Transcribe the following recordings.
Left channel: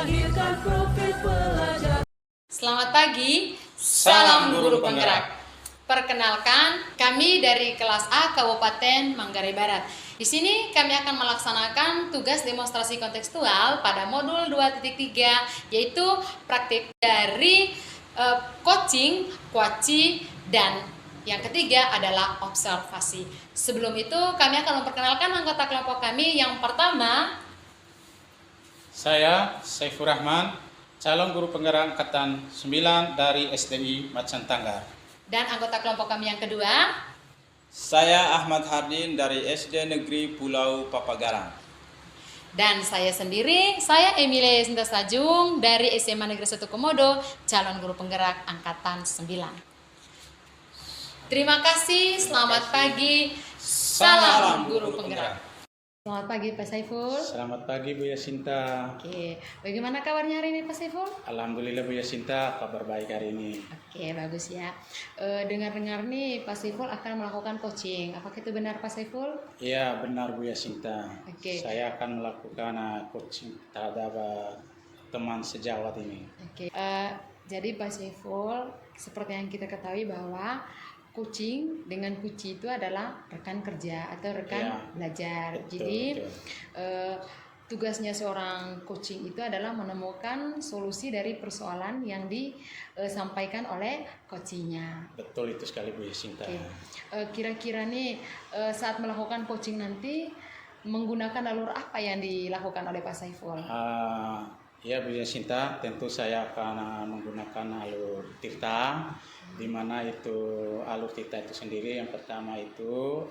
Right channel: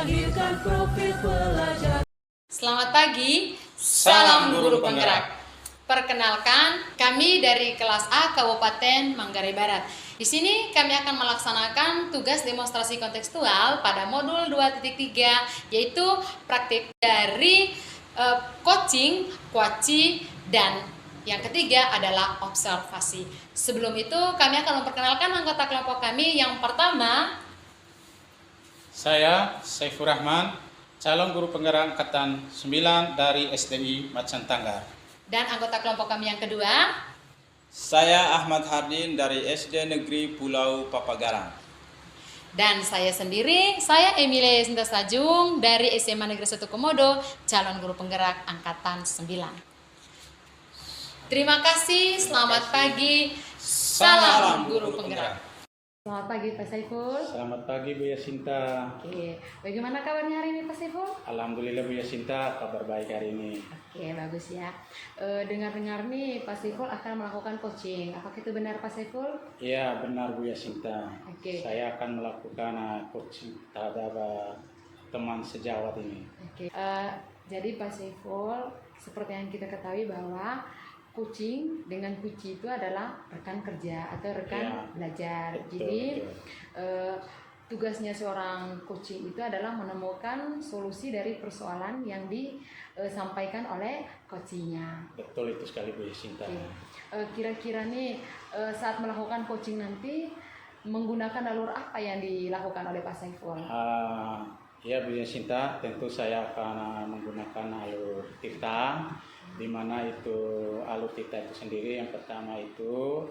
melahirkan profil pelajar. Selamat pagi, salam guru penggerak. Perkenalkan, kami dari kelas A Kabupaten Manggarai Barat. Di sini kami akan melaksanakan tugas demonstrasi kontekstual pada modul 2.3, yaitu praktik dari coaching, kuaci, dan yang ketiga adalah observasi. Sebelum itu, kami akan memperkenalkan anggota kelompok kami. Yang pertama, saya Saifur Rahman, calon guru penggerak angkatan 9 dari SDI Macan Tanggar. Dan anggota kelompok kami yang kedua, saya Ahmad Hardin dari SD Negeri Pulau Papagarang. dan saya sendiri, saya Emilia Sinta Sajung dari SMA Negeri 1 Komodo, calon guru penggerak angkatan 9. Terima kasih, selamat pagi, salam guru penggerak. Selamat pagi Pak Saiful. Selamat pagi Bu Yasinta. Oke, bagaimana kabarnya hari ini Pak Saiful? Alhamdulillah Bu Yasinta, kabar baik hari ini. Oke, bagus ya. Dengar-dengar nih Pak Saiful akan melakukan coaching. Apakah itu benar Pak Saiful? Iya benar Bu Yasinta. Oke. Saya akan melakukan coaching terhadap teman sejawat ini. Oke. Jadi Pak Saiful, seperti yang kita ketahui bahwa coaching dengan kuci itu adalah rekan kerja atau rekan belajar. Betul, Jadi betul. Tugasnya seorang coaching itu adalah menemukan solusi dari persoalan yang disampaikan oleh coachingnya. Betul itu sekali Bu Yasinta. Oke. Kira-kira nih saat melakukan coaching nanti menggunakan alur apa yang dilakukan oleh Pak Saiful? Ya Bu Yasinta, tentu saya akan menggunakan alur tirta, di mana itu alur tirta itu sendiri. Yang pertama itu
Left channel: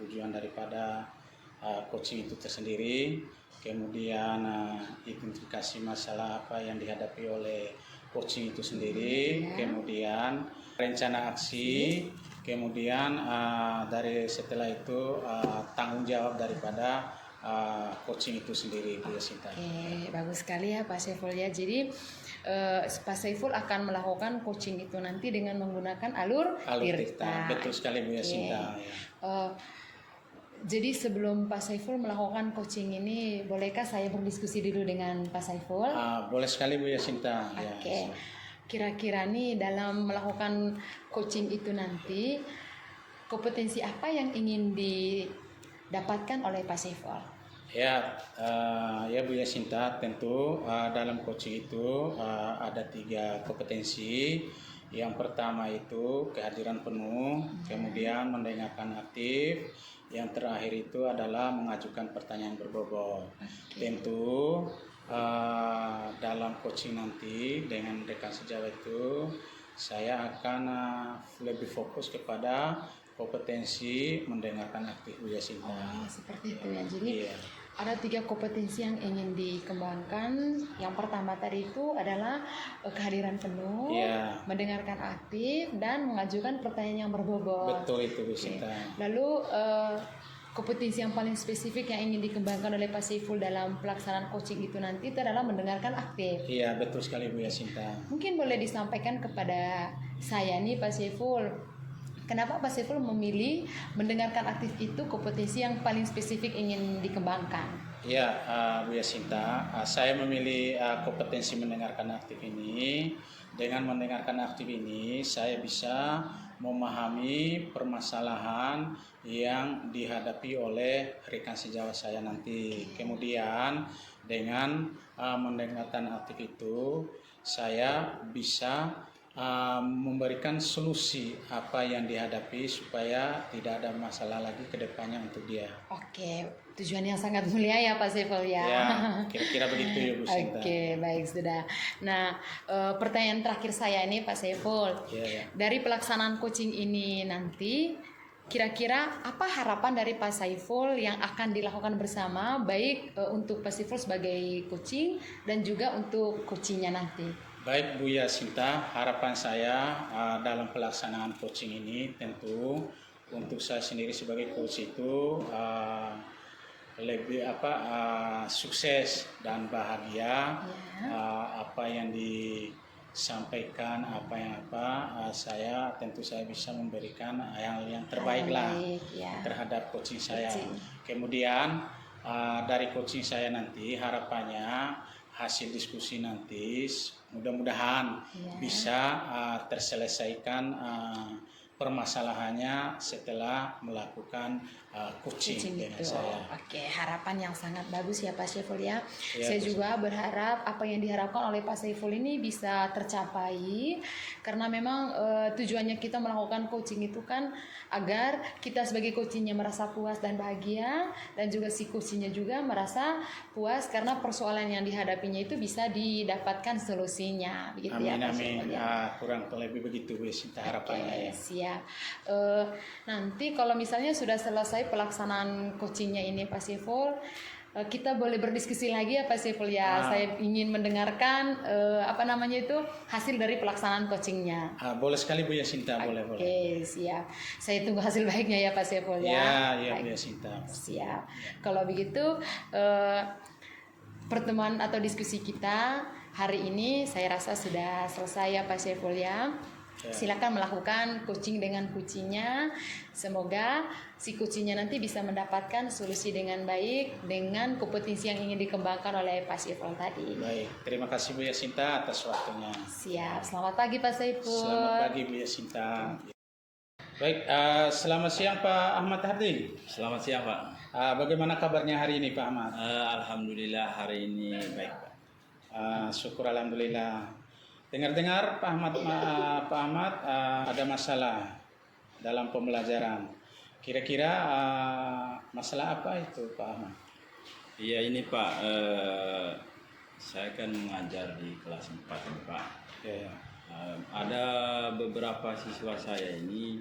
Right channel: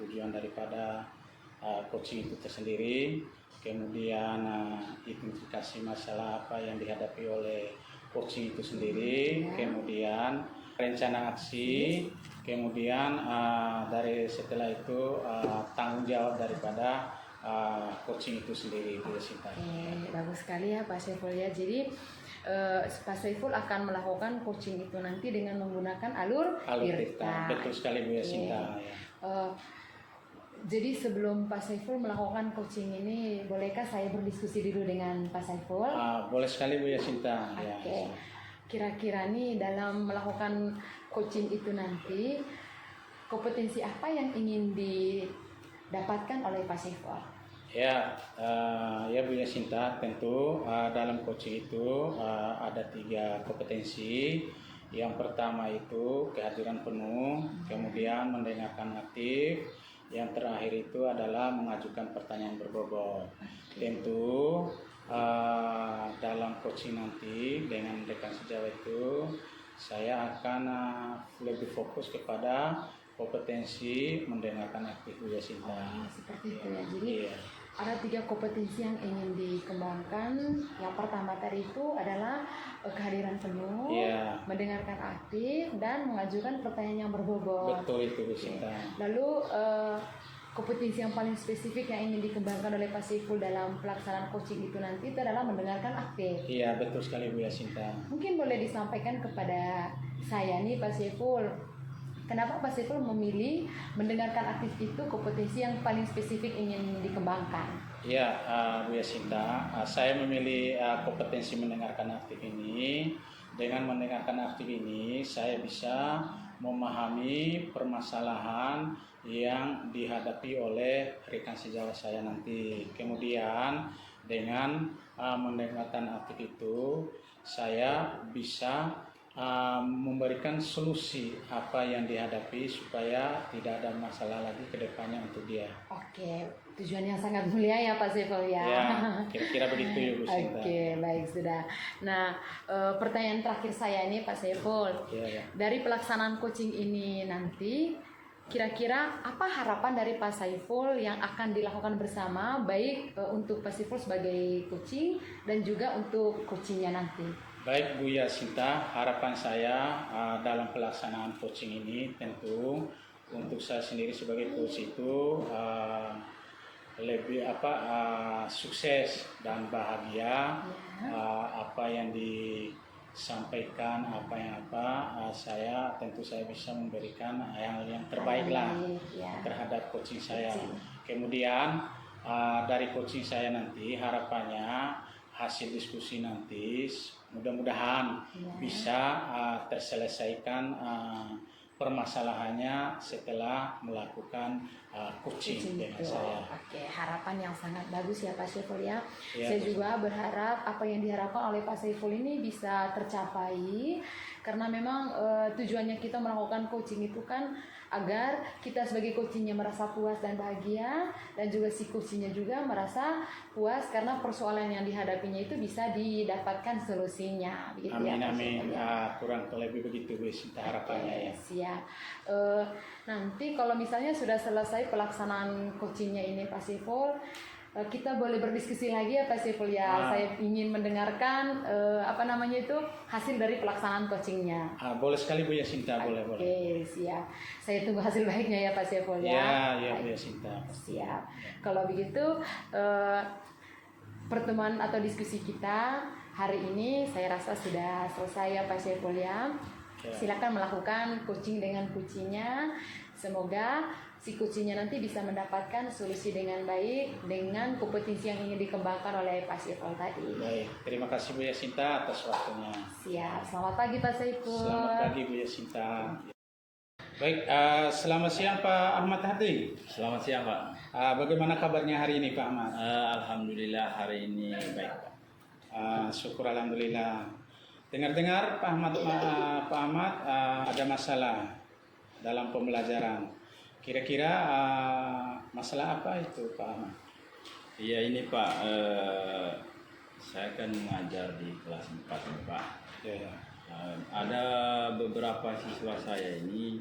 tujuan daripada coaching itu tersendiri, kemudian identifikasi masalah apa yang dihadapi oleh coaching itu sendiri, kemudian rencana aksi, kemudian dari setelah itu tanggung jawab daripada coaching itu sendiri Bu Yasinta. Oke, bagus sekali ya Pak Saiful ya. Jadi Pak Saiful akan melakukan coaching itu nanti dengan menggunakan alur tirta. Betul sekali Bu Yasinta. Jadi sebelum Pak Saiful melakukan coaching ini, bolehkah saya berdiskusi dulu dengan Pak Saiful? Boleh sekali Bu Yasinta. Oke. Kira-kira nih dalam melakukan coaching itu nanti kompetensi apa yang ingin didapatkan oleh Pak Saiful? Ya Bu Yasinta, tentu dalam coaching itu ada 3 kompetensi. Yang pertama itu kehadiran penuh, kemudian mendengarkan aktif, yang terakhir itu adalah mengajukan pertanyaan berbobot. Tentu dalam coaching nanti dengan rekan sejawat itu saya akan lebih fokus kepada kompetensi mendengarkan aktif Bu Yasinta. Seperti itu ya. Jadi ada 3 kompetensi yang ingin dikembangkan. Yang pertama tadi itu adalah kehadiran penuh, mendengarkan aktif, dan mengajukan pertanyaan yang berbobot. Betul itu Bu Yasinta. Lalu kompetensi yang paling spesifik yang ingin dikembangkan oleh Pak Saiful dalam pelaksanaan coaching itu nanti itu adalah mendengarkan aktif. Iya betul sekali Bu Yasinta. Mungkin boleh disampaikan kepada saya nih Pak Saiful, kenapa Pak Saiful memilih mendengarkan aktif itu kompetensi yang paling spesifik ingin dikembangkan? Ya Bu Yasinta, saya memilih kompetensi mendengarkan aktif ini. Dengan mendengarkan aktif ini, saya bisa memahami permasalahan yang dihadapi oleh rekan sejawat saya nanti. Kemudian dengan mendengarkan aktif itu, saya bisa memberikan solusi apa yang dihadapi supaya tidak ada masalah lagi ke depannya untuk dia. Oke, tujuan yang sangat mulia ya Pak Saiful ya. Ya, kira-kira begitu ya Bu Sinta. Oke, baik sudah. Nah, pertanyaan terakhir saya ini Pak Saiful. Dari pelaksanaan coaching ini nanti, kira-kira apa harapan dari Pak Saiful yang akan dilakukan bersama, baik untuk Pak Saiful sebagai coaching dan juga untuk coachingnya nanti? Baik Bu Yasinta, harapan saya dalam pelaksanaan coaching ini tentu untuk saya sendiri sebagai coach itu lebih sukses dan bahagia. Apa yang disampaikan saya tentu saya bisa memberikan yang terbaik lah terhadap coaching saya. Kemudian dari coaching saya nanti harapannya hasil diskusi nanti mudah-mudahan Iya. bisa terselesaikan permasalahannya setelah melakukan coaching dengan itu. saya. Oke, harapan yang sangat bagus ya Pak Saiful ya. Ya, Saya Bu. juga berharap apa yang diharapkan oleh Pak Saiful ini bisa tercapai karena memang tujuannya kita melakukan coaching itu kan agar kita sebagai coachingnya merasa puas dan bahagia dan juga si coachingnya juga merasa puas karena persoalan yang dihadapinya itu bisa didapatkan solusinya begitu ya Amin, Pak amin. Saiful ya. Kurang lebih begitu Bu Sinta harapannya ya. Siap. Nanti kalau misalnya sudah selesai pelaksanaan coachingnya ini Pak Saiful, kita boleh berdiskusi lagi ya Pak Saiful ya. Saya ingin mendengarkan hasil dari pelaksanaan coachingnya. Boleh sekali Bu Yasinta, boleh. Oke, siap. Saya tunggu hasil baiknya ya Pak Saiful ya. Ya Bu Yasinta. Siap. Kalau begitu pertemuan atau diskusi kita hari ini saya rasa sudah selesai ya Pak Saiful ya. Silakan melakukan coaching dengan kucingnya. Semoga si kucingnya nanti bisa mendapatkan solusi dengan baik dengan kompetensi yang ingin dikembangkan oleh Pak Saiful tadi. Baik, terima kasih Bu Yasinta atas waktunya. Siap. Selamat pagi Pak Saiful. Selamat pagi Bu Yasinta. Baik, selamat siang Pak Ahmad Hardi. Selamat siang Pak. Bagaimana kabarnya hari ini Pak Ahmad? Alhamdulillah hari ini baik Pak. Syukur alhamdulillah. Dengar-dengar Pak Ahmad ada masalah dalam pembelajaran. Kira-kira masalah apa itu Pak Ahmad? Iya ini Pak, saya kan mengajar di kelas 4 ini, Pak. Ya. Ada beberapa siswa saya ini,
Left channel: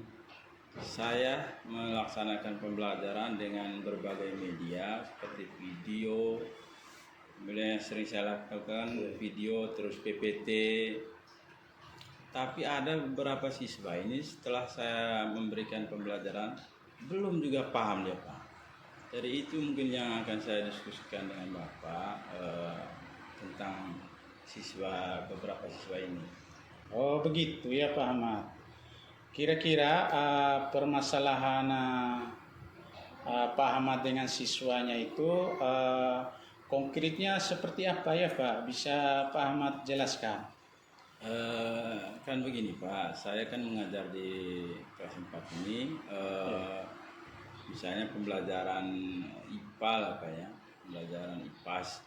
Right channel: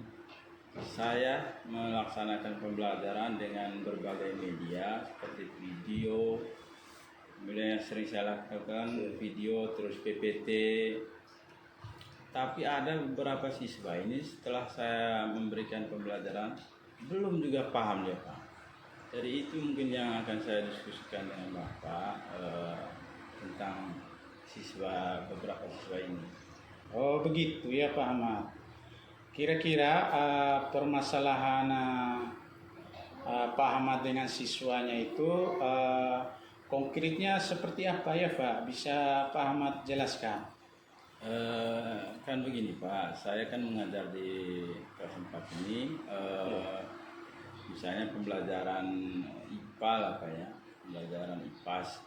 saya melaksanakan pembelajaran dengan berbagai media seperti video, kemudian yang sering saya lakukan video, terus PPT. Tapi ada beberapa siswa ini setelah saya memberikan pembelajaran belum juga paham dia Pak. Jadi itu mungkin yang akan saya diskusikan dengan Bapak tentang beberapa siswa ini. Oh begitu ya Pak Ahmad. Kira-kira permasalahan Pak Ahmad dengan siswanya itu konkretnya seperti apa ya Pak? Bisa Pak Ahmad jelaskan? Kan begini Pak, saya kan mengajar di kelas 4 ini, misalnya pembelajaran IPA lah Pak ya, pembelajaran IPAS.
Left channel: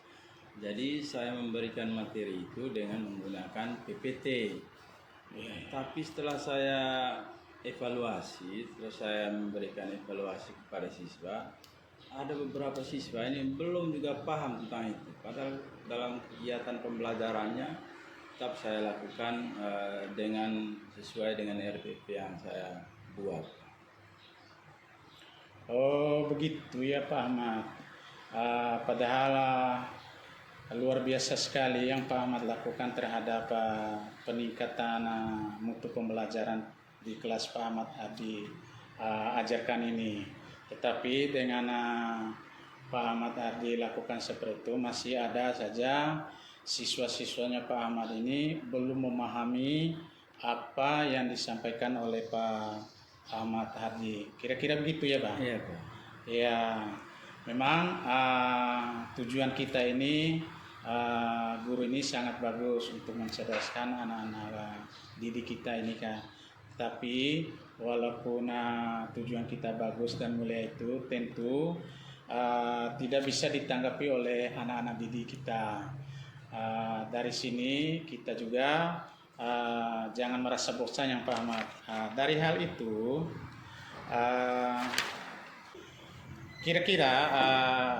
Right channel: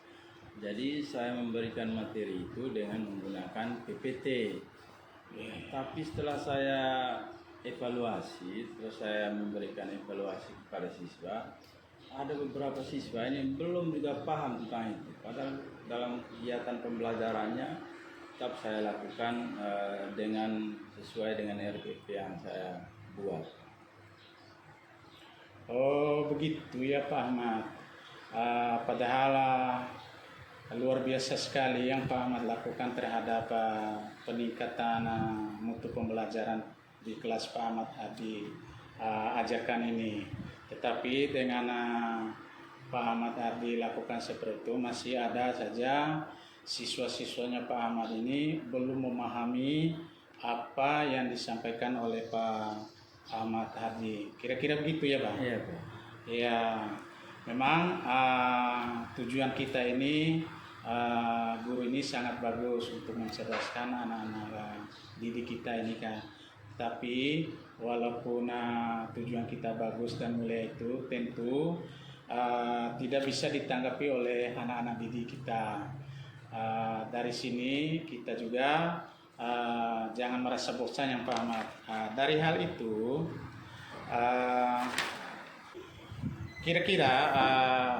Jadi saya memberikan materi itu dengan menggunakan PPT. Tapi setelah saya evaluasi, terus saya memberikan evaluasi kepada siswa, ada beberapa siswa ini belum juga paham tentang itu. Padahal dalam kegiatan pembelajarannya tetap saya lakukan sesuai dengan RPP yang saya buat. Oh begitu ya Pak Ahmad. Padahal luar biasa sekali yang Pak Ahmad lakukan terhadap peningkatan mutu pembelajaran di kelas Pak Ahmad ajarkan ini. Tetapi dengan Pak Ahmad Ardi lakukan seperti itu, masih ada saja siswa-siswanya Pak Ahmad ini belum memahami apa yang disampaikan oleh Pak Ahmad Hardi. Kira-kira begitu ya Bang? Iya Pak. Ya, memang tujuan kita ini guru ini sangat bagus untuk mencerdaskan anak-anak didik kita ini kan. Tapi walaupun tujuan kita bagus dan mulia itu tentu tidak bisa ditanggapi oleh anak-anak didik kita. Dari sini kita juga jangan merasa bosan yang Pak Ahmad. Dari hal itu kira-kira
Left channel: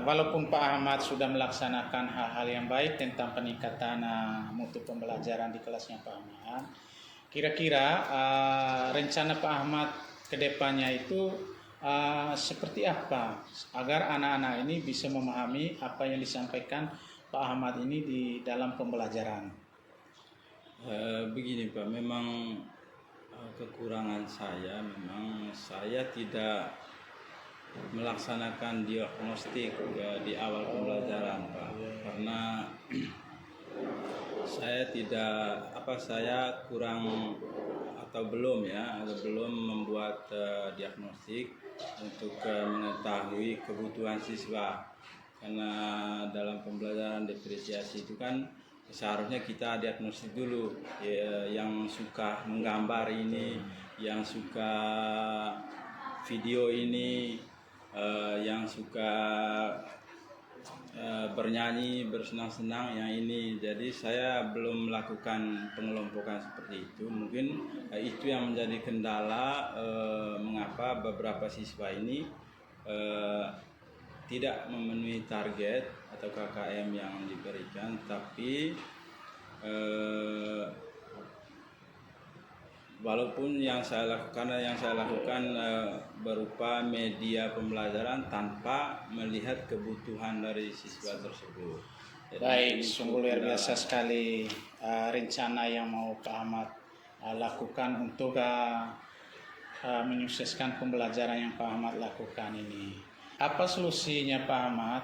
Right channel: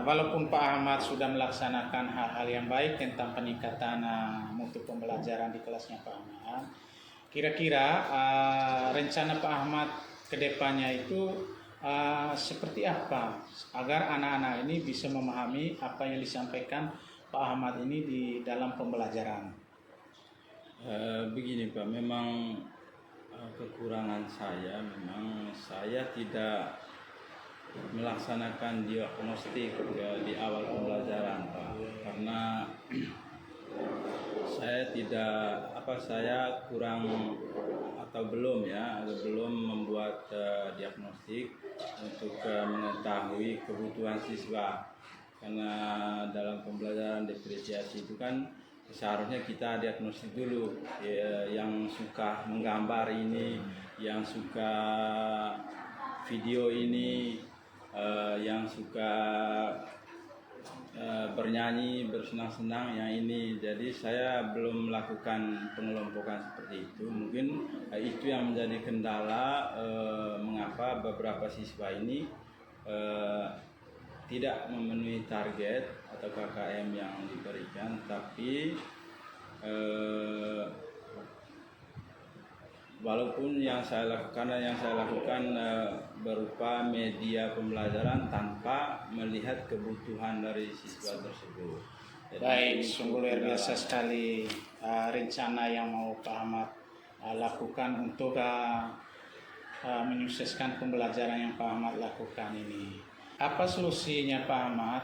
walaupun Pak Ahmad sudah melaksanakan hal-hal yang baik tentang peningkatan mutu pembelajaran di kelasnya Pak Ahmad, kira-kira rencana Pak Ahmad ke depannya itu seperti apa agar anak-anak ini bisa memahami apa yang disampaikan Pak Ahmad ini di dalam pembelajaran? Begini Pak, memang kekurangan memang saya tidak melaksanakan diagnostik ya, di awal pembelajaran Pak, karena saya kurang atau belum membuat diagnostik untuk mengetahui kebutuhan siswa. karena dalam pembelajaran diferensiasi itu kan seharusnya kita diagnosis dulu ya, yang suka menggambar ini, yang suka video ini, yang suka bernyanyi, bersenang-senang yang ini. Jadi saya belum melakukan pengelompokan seperti itu. Mungkin itu yang menjadi kendala mengapa beberapa siswa ini tidak memenuhi target atau KKM yang diberikan, tapi walaupun yang saya lakukan berupa media pembelajaran tanpa melihat kebutuhan dari siswa tersebut. Jadi, Baik, sungguh luar biasa sekali rencana yang mau Pak Ahmad lakukan untuk menyukseskan pembelajaran yang Pak Ahmad lakukan ini. Apa solusinya Pak Ahmad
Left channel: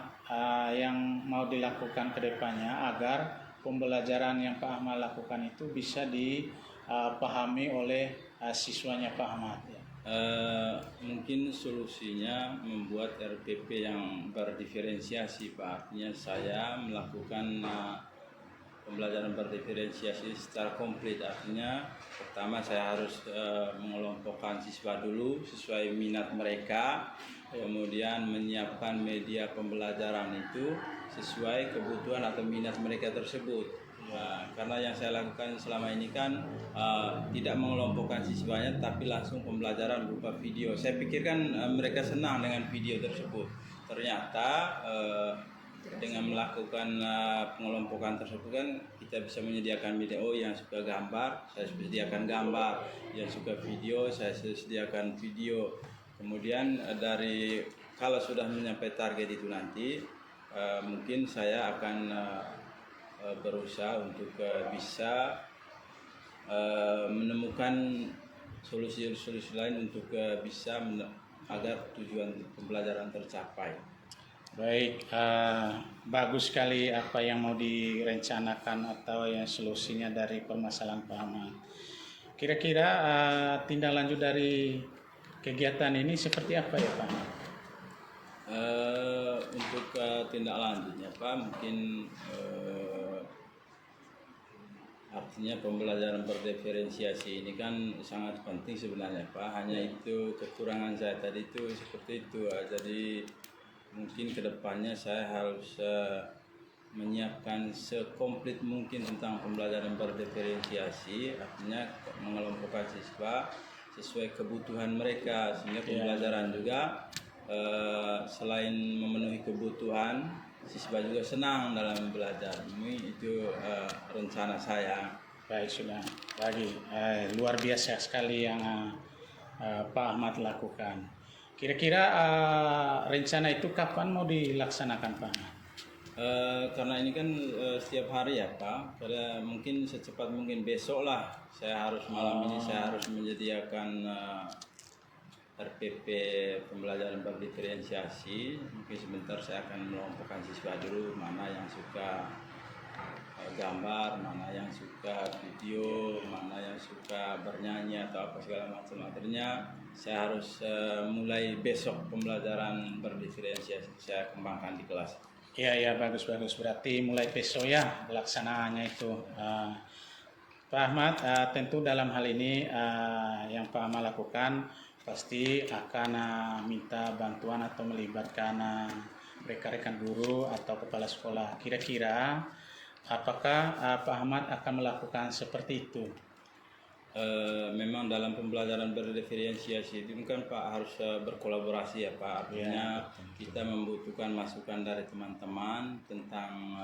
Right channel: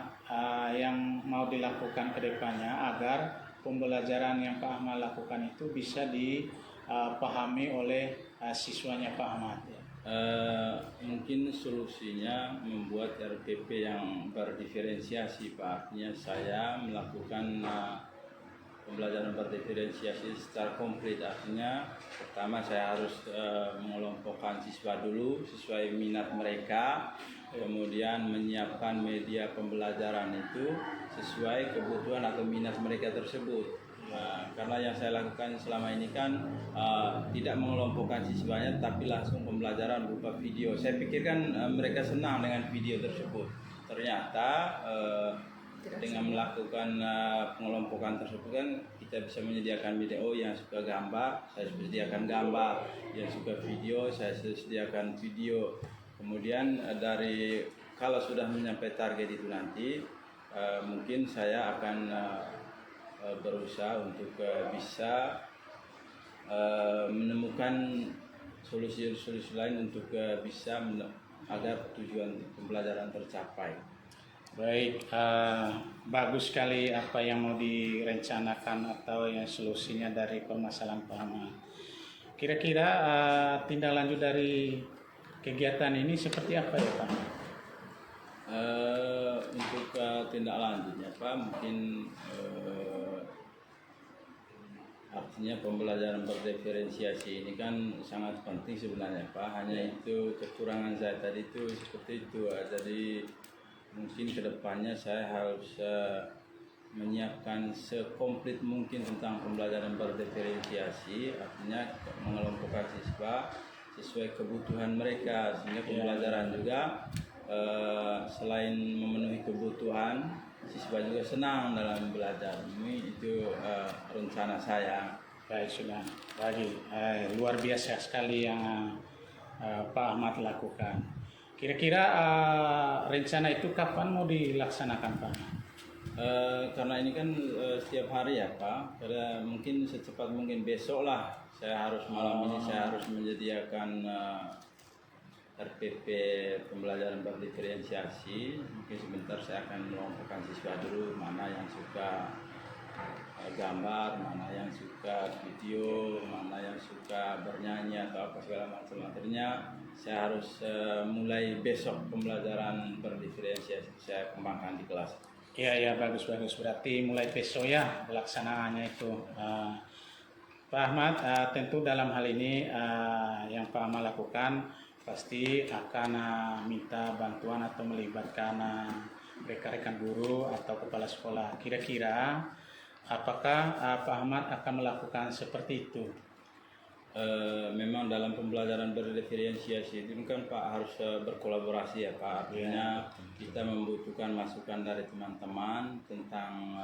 yang mau dilakukan ke depannya agar pembelajaran yang Pak Ahmad lakukan itu bisa dipahami oleh siswanya Pak Ahmad? Mungkin solusinya membuat RPP yang berdiferensiasi, Pak. Artinya saya melakukan pembelajaran berdiferensiasi secara komplit. Artinya pertama saya harus mengelompokkan siswa dulu sesuai minat mereka, kemudian menyiapkan media pembelajaran itu sesuai kebutuhan atau minat mereka tersebut. Karena yang saya lakukan selama ini kan tidak mengelompokkan siswanya, tapi langsung pembelajaran berupa video. Saya pikirkan mereka senang dengan video tersebut. Ternyata dengan melakukan pengelompokan tersebut kan kita bisa menyediakan video. Yang suka gambar, saya sediakan gambar. Yang suka video, saya sediakan video. Kemudian kalau sudah mencapai target itu nanti, mungkin saya akan berusaha untuk bisa menemukan solusi-solusi lain untuk bisa agar tujuan pembelajaran tercapai. Baik, bagus sekali apa yang mau direncanakan atau yang solusinya dari permasalahan Pak Ahmad. Kira-kira tindak lanjut dari kegiatan ini seperti apa ya Pak Ahmad? Untuk tindak lanjutnya Pak, mungkin artinya pembelajaran berdiferensiasi ini kan sangat penting sebenarnya Pak. Hanya itu kekurangan saya tadi itu seperti itu. Jadi mungkin kedepannya saya harus menyiapkan sekomplit mungkin tentang pembelajaran berdiferensiasi, artinya mengelompokkan siswa sesuai kebutuhan mereka, sehingga pembelajaran juga selain memenuhi kebutuhan, siswa juga senang dalam belajar. Itu rencana saya. Baik, sudah. Lagi luar biasa sekali yang Pak Ahmad lakukan. Kira-kira rencana itu kapan mau dilaksanakan Pak Ahmad? Karena ini kan setiap hari ya Pak, karena mungkin secepat mungkin besok lah. Malam ini saya harus menyediakan RPP pembelajaran berdiferensiasi. Mungkin sebentar saya akan mengelompokkan siswa dulu, mana yang suka gambar, mana yang suka video, mana yang suka bernyanyi atau apa segala macam. Artinya saya harus mulai besok pembelajaran berdiferensiasi saya kembangkan di kelas. Iya, bagus. Berarti mulai besok ya pelaksanaannya itu. Pak Ahmad, tentu dalam hal ini yang Pak Ahmad lakukan pasti akan minta bantuan atau melibatkan rekan-rekan guru atau kepala sekolah. Kira-kira apakah Pak Ahmad akan melakukan seperti itu? Memang dalam pembelajaran berdiferensiasi itu kan Pak harus berkolaborasi ya Pak. Artinya kita membutuhkan masukan dari teman-teman tentang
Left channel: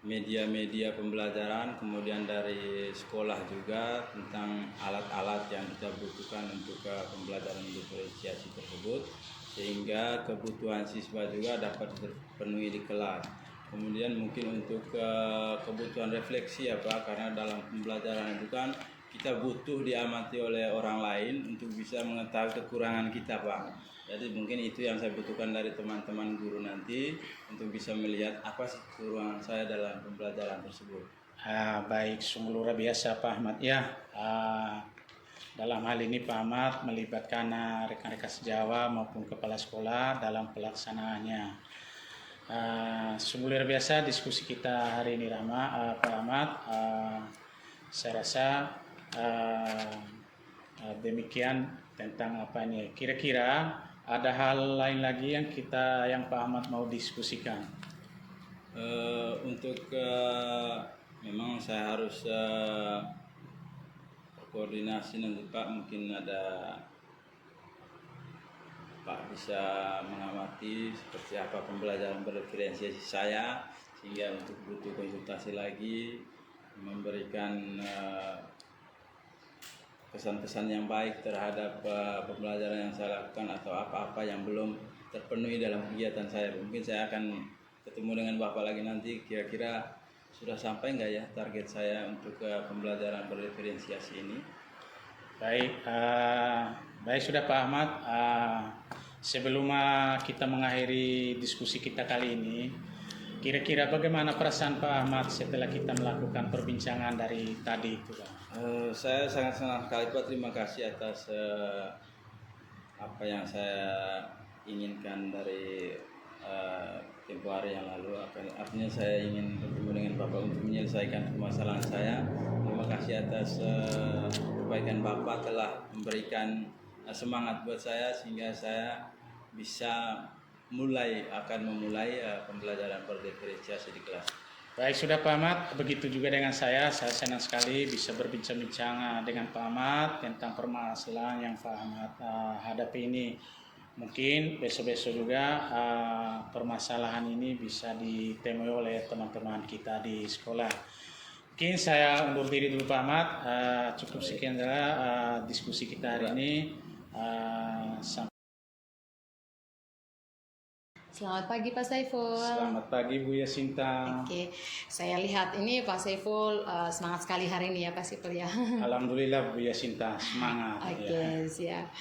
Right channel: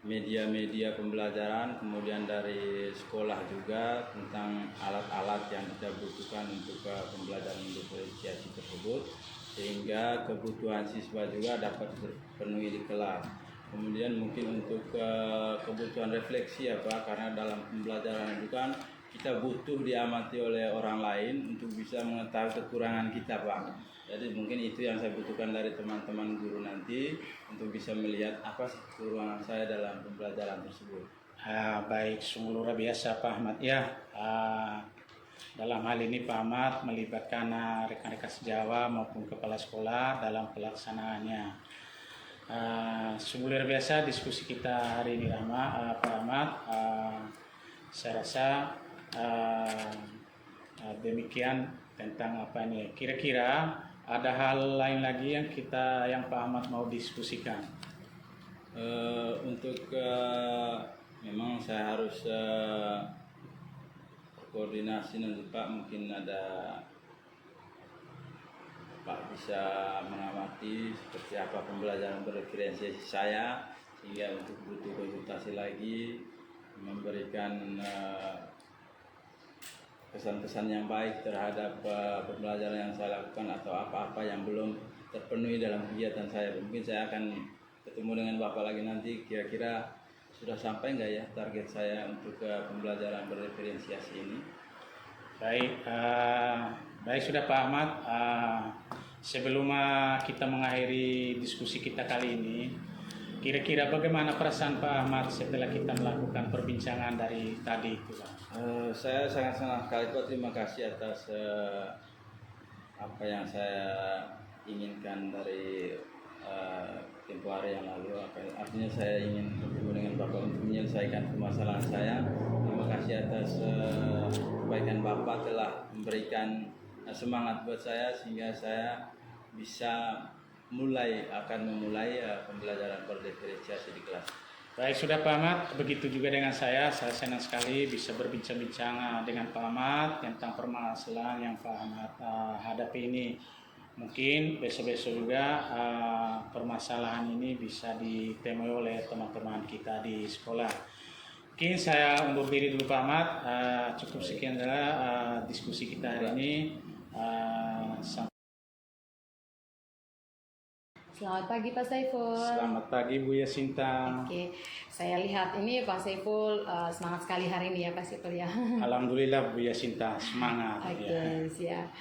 media-media pembelajaran, kemudian dari sekolah juga tentang alat-alat yang kita butuhkan untuk pembelajaran diferensiasi tersebut, sehingga kebutuhan siswa juga dapat terpenuhi di kelas. Kemudian mungkin untuk kebutuhan refleksi ya Pak, karena dalam pembelajaran itu kan kita butuh diamati oleh orang lain untuk bisa mengetahui kekurangan kita Pak. Jadi mungkin itu yang saya butuhkan dari teman-teman guru nanti untuk bisa melihat apa sih kekurangan saya dalam pembelajaran tersebut. Baik, sungguh luar biasa Pak Ahmad ya. Dalam hal ini Pak Ahmad melibatkan rekan-rekan sejawat maupun kepala sekolah dalam pelaksanaannya. Sungguh luar biasa diskusi kita hari ini Pak Ahmad. Saya rasa demikian tentang apa nih. Kira-kira ada hal lain lagi yang Pak Ahmad mau diskusikan? Untuk memang saya harus koordinasi nanti Pak, mungkin ada Pak bisa mengamati seperti apa pembelajaran berdiferensiasi saya, sehingga untuk butuh konsultasi lagi memberikan pesan-pesan yang baik terhadap pembelajaran yang saya lakukan atau apa-apa yang belum terpenuhi dalam kegiatan saya. Mungkin saya akan ketemu dengan Bapak lagi nanti, kira-kira sudah sampai nggak ya target saya untuk pembelajaran berdiferensiasi ini. Baik sudah Pak Ahmad. Sebelum kita mengakhiri diskusi kita kali ini, kira-kira bagaimana perasaan Pak Ahmad setelah kita melakukan perbincangan dari tadi itu, Pak? Saya sangat-sangat sekali Pak, terima kasih atas apa yang saya inginkan dari tempoh hari yang lalu. Artinya saya ingin bertemu dengan Bapak untuk menyelesaikan permasalahan saya. Terima kasih atas kebaikan Bapak telah memberikan semangat buat saya, sehingga saya bisa memulai pembelajaran berdiferensiasi di kelas. Baik sudah Pak Ahmad, begitu juga dengan saya senang sekali bisa berbincang-bincang dengan Pak Ahmad tentang permasalahan yang Pak Ahmad hadapi ini. Mungkin besok-besok juga permasalahan ini bisa ditemui oleh teman-teman kita di sekolah. Mungkin saya undur diri dulu Pak Ahmad. Cukup sekian adalah diskusi kita hari ini. Selamat pagi Pak Saiful. Selamat pagi Bu Yasinta. Oke, saya lihat ini Pak Saiful semangat sekali hari ini ya Pak Saiful ya. Alhamdulillah Bu Yasinta, semangat. Oke, siap.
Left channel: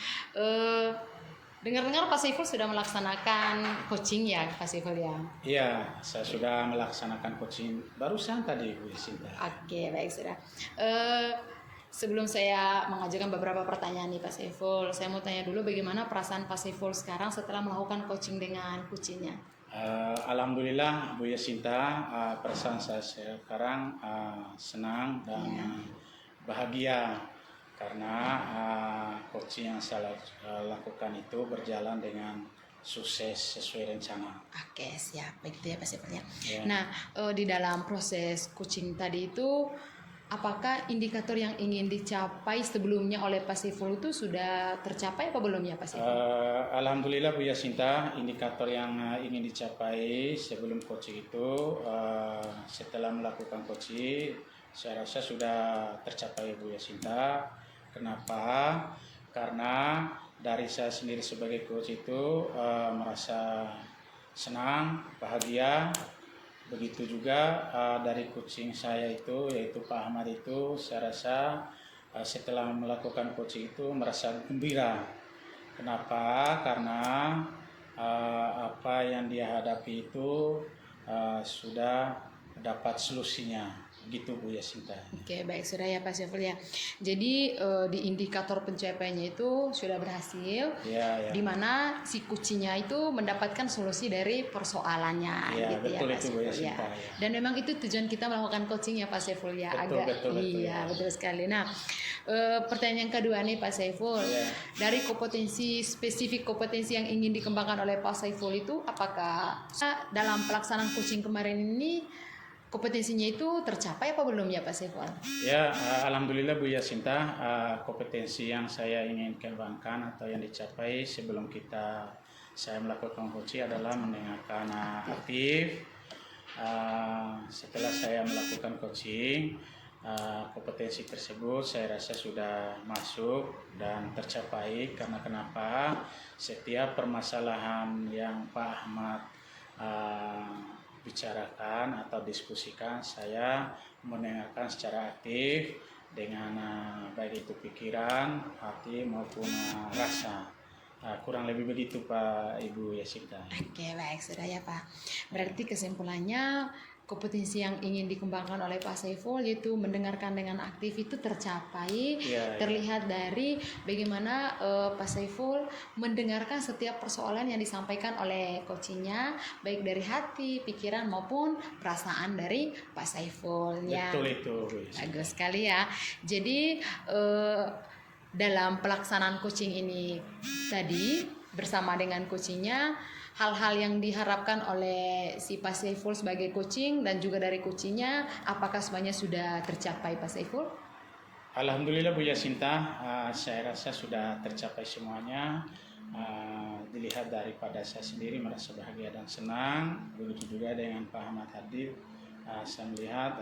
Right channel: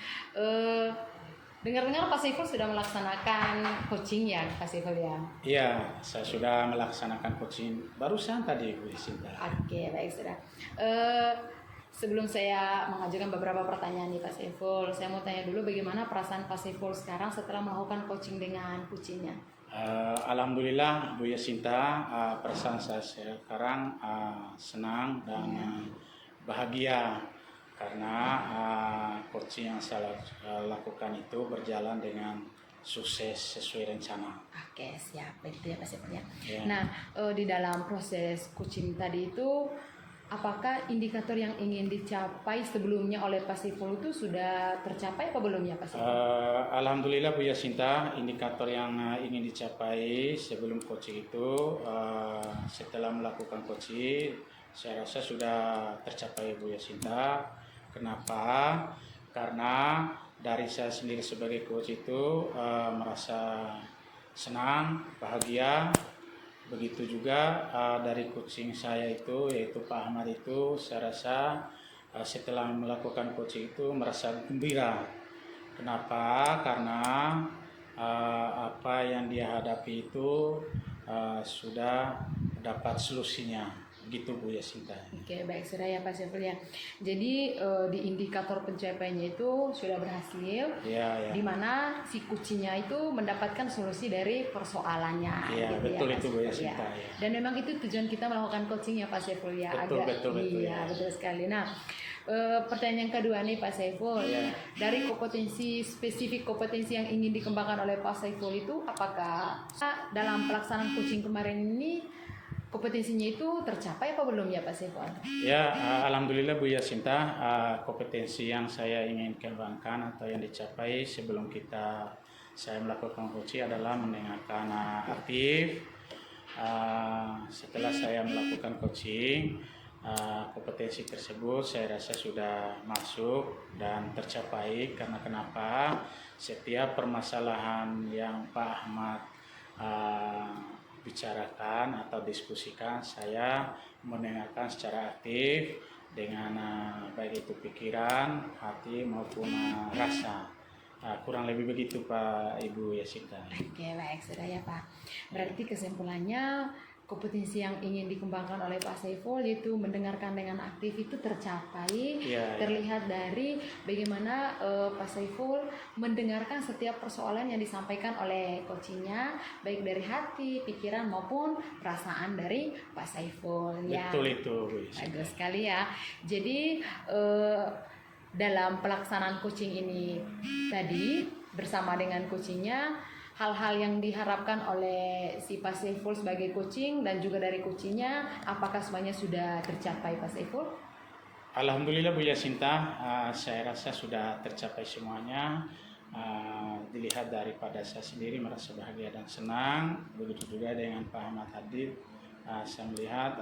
Dengar-dengar Pak Saiful sudah melaksanakan coaching ya Pak Saiful ya? Iya, saya sudah melaksanakan coaching barusan tadi Bu Yasinta. Oke, baik sudah. Sebelum saya mengajukan beberapa pertanyaan nih Pak Saiful, saya mau tanya dulu bagaimana perasaan Pak Saiful sekarang setelah melakukan coaching dengan kucingnya? Alhamdulillah Bu Yasinta, perasaan saya sekarang senang dan bahagia karena coaching yang saya lakukan itu berjalan dengan sukses sesuai rencana. Oke, siap. Begitu ya Pak Saiful ya. Ya. Nah, di dalam proses coaching tadi itu, apakah indikator yang ingin dicapai sebelumnya oleh Pak Saiful itu sudah tercapai apa belum ya Pak Saiful? Alhamdulillah Bu Yasinta, indikator yang ingin dicapai sebelum coaching itu setelah melakukan coaching saya rasa sudah tercapai Bu Yasinta. Kenapa? Karena dari saya sendiri sebagai coach itu merasa senang, bahagia. Begitu juga dari coaching saya itu, yaitu Pak Ahmad itu, saya rasa setelah melakukan coaching itu merasa gembira. Kenapa? Karena apa yang dia hadapi itu sudah dapat solusinya. Begitu Bu Yasinta. Oke, baik sudah ya Pak Saiful ya. Jadi di indikator pencapaiannya itu sudah berhasil. Ya. Di mana si kucingnya itu mendapatkan solusi dari persoalannya. Ya, gitu betul ya, itu Pak Bu Saiful, Yasinta. ya. Ya. Dan memang itu tujuan kita melakukan coaching ya Pak Saiful ya. Betul, Iya, ya. betul sekali. Nah, pertanyaan yang kedua nih Pak Saiful. Ya. Dari spesifik kompetensi yang ingin dikembangkan oleh Pak Saiful itu, apakah dalam pelaksanaan coaching kemarin ini kompetensinya itu tercapai apa belum ya Pak Saiful? Ya, alhamdulillah Bu Yasinta, kompetensi yang saya ingin kembangkan atau yang dicapai sebelum saya melakukan coaching adalah mendengarkan aktif. Setelah saya melakukan coaching, kompetensi tersebut saya rasa sudah masuk dan tercapai. Karena kenapa? Setiap permasalahan yang Pak Ahmad bicarakan atau diskusikan, saya mendengarkan secara aktif dengan baik itu pikiran, hati maupun rasa. Kurang lebih begitu Pak Ibu Yasinta. Oke, baik sudah ya Pak. Berarti kesimpulannya kompetensi yang ingin dikembangkan oleh Pak Saiful, yaitu mendengarkan dengan aktif itu tercapai. Terlihat dari bagaimana Pak Saiful mendengarkan setiap persoalan yang disampaikan oleh coachingnya, baik dari hati, pikiran maupun perasaan dari Pak Saiful. Betul itu, Bu Yasinta. Bagus sekali ya. Jadi dalam pelaksanaan coaching ini tadi bersama dengan coachingnya, hal-hal yang diharapkan oleh si Pak Saiful sebagai coaching dan juga dari coachingnya, apakah semuanya sudah tercapai Pak Saiful? Alhamdulillah Bu Yasinta, saya rasa sudah tercapai semuanya. Dilihat daripada saya sendiri merasa bahagia dan senang, begitu juga dengan Pak Ahmad Hadid. Saya melihat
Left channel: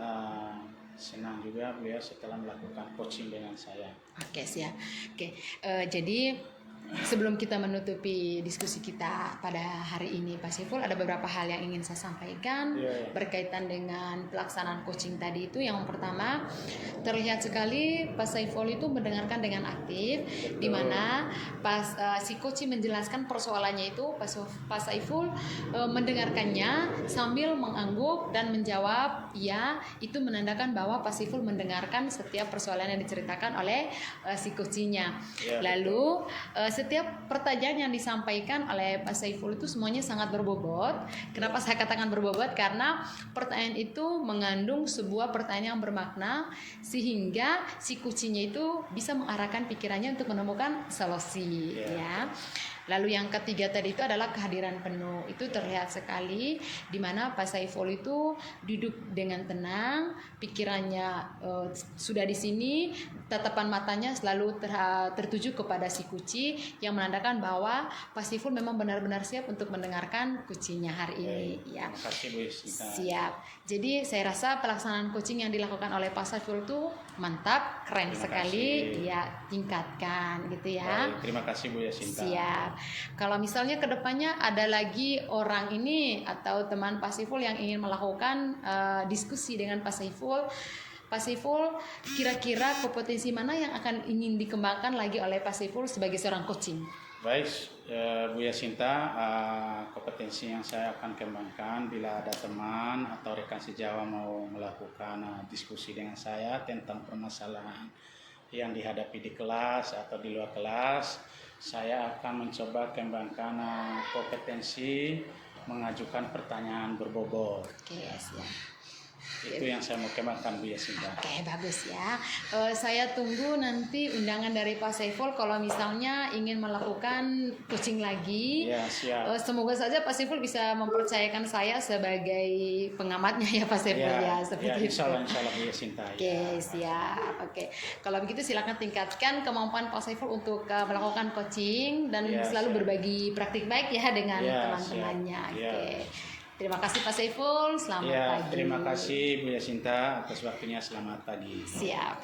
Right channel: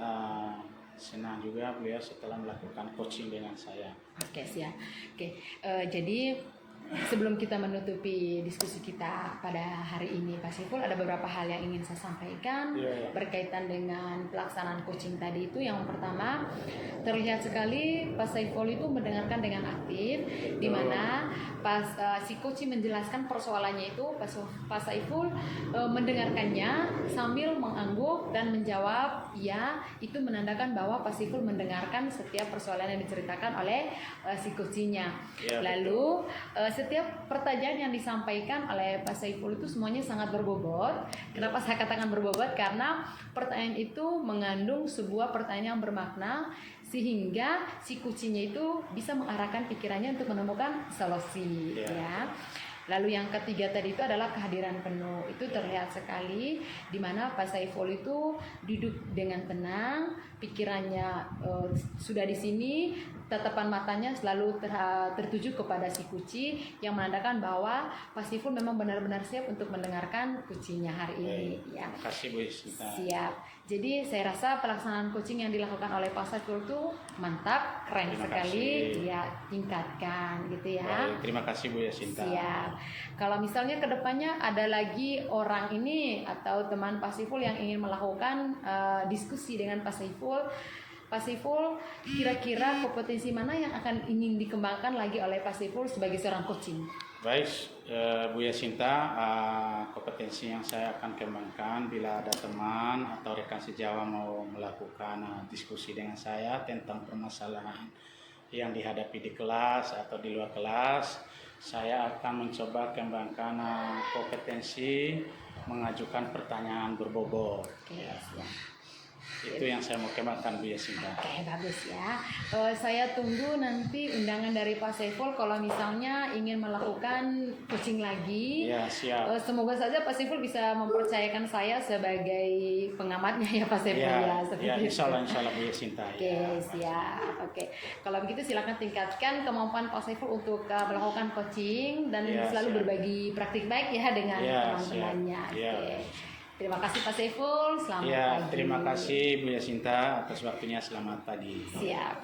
senang juga beliau setelah melakukan coaching dengan saya. Oke, siap. Oke, jadi sebelum kita menutupi diskusi kita pada hari ini, Pak Saiful, ada beberapa hal yang ingin saya sampaikan berkaitan dengan pelaksanaan coaching tadi itu. Yang pertama, terlihat sekali Pak Saiful itu mendengarkan dengan aktif, di mana pas si coaching menjelaskan persoalannya itu, Pak Saiful mendengarkannya sambil mengangguk dan menjawab ya. Itu menandakan bahwa Pak Saiful mendengarkan setiap persoalan yang diceritakan oleh si coachingnya. Lalu setiap pertanyaan yang disampaikan oleh Pak Saiful itu semuanya sangat berbobot. Kenapa saya katakan berbobot? Karena pertanyaan itu mengandung sebuah pertanyaan yang bermakna, sehingga si coachingnya itu bisa mengarahkan pikirannya untuk menemukan solusi. Ya. Lalu yang ketiga tadi itu adalah kehadiran penuh. Itu terlihat sekali di mana Pak Saiful itu duduk dengan tenang, pikirannya sudah di sini, tatapan matanya selalu tertuju kepada si kuci, yang menandakan bahwa Pak Saiful memang benar-benar siap untuk mendengarkan kucinya hari ini. Ya. Terima kasih Bu Yasinta. Siap. Jadi saya rasa pelaksanaan coaching yang dilakukan oleh Pak Saiful itu mantap, keren sekali. Ya, tingkatkan gitu ya. Baik, terima kasih Bu Yasinta. Siap. Kalau misalnya kedepannya ada lagi orang ini atau teman Pak Saiful yang ingin melakukan diskusi dengan Pak Saiful, kira-kira kompetensi mana yang akan ingin dikembangkan lagi oleh Pak Saiful sebagai seorang coaching? Baik, Bu Yasinta, kompetensi yang saya akan kembangkan bila ada teman atau rekan sejawat mau melakukan diskusi dengan saya tentang permasalahan yang dihadapi di kelas atau di luar kelas, saya akan mencoba kembangkan kompetensi mengajukan pertanyaan berbobot. Yes, ya. Itu yang saya mau kembangkan Bu Yasinta. Oke, bagus ya. Saya tunggu nanti undangan dari Pak Saiful kalau misalnya ingin melakukan coaching lagi. Ya, siap. Semoga saja Pak Saiful bisa mempercayakan saya sebagai pengamatnya ya Pak Saiful ya. Ya, insya Allah Bu Yasinta. Oke, siap. Oke, kalau begitu silakan tingkatkan kemampuan Pak Saiful untuk melakukan coaching dan selalu berbagi praktik baik ya dengan teman-temannya. Oke. Terima kasih Pak Saiful, selamat pagi. Terima kasih Bu Yasinta atas waktunya, selamat pagi. Siap.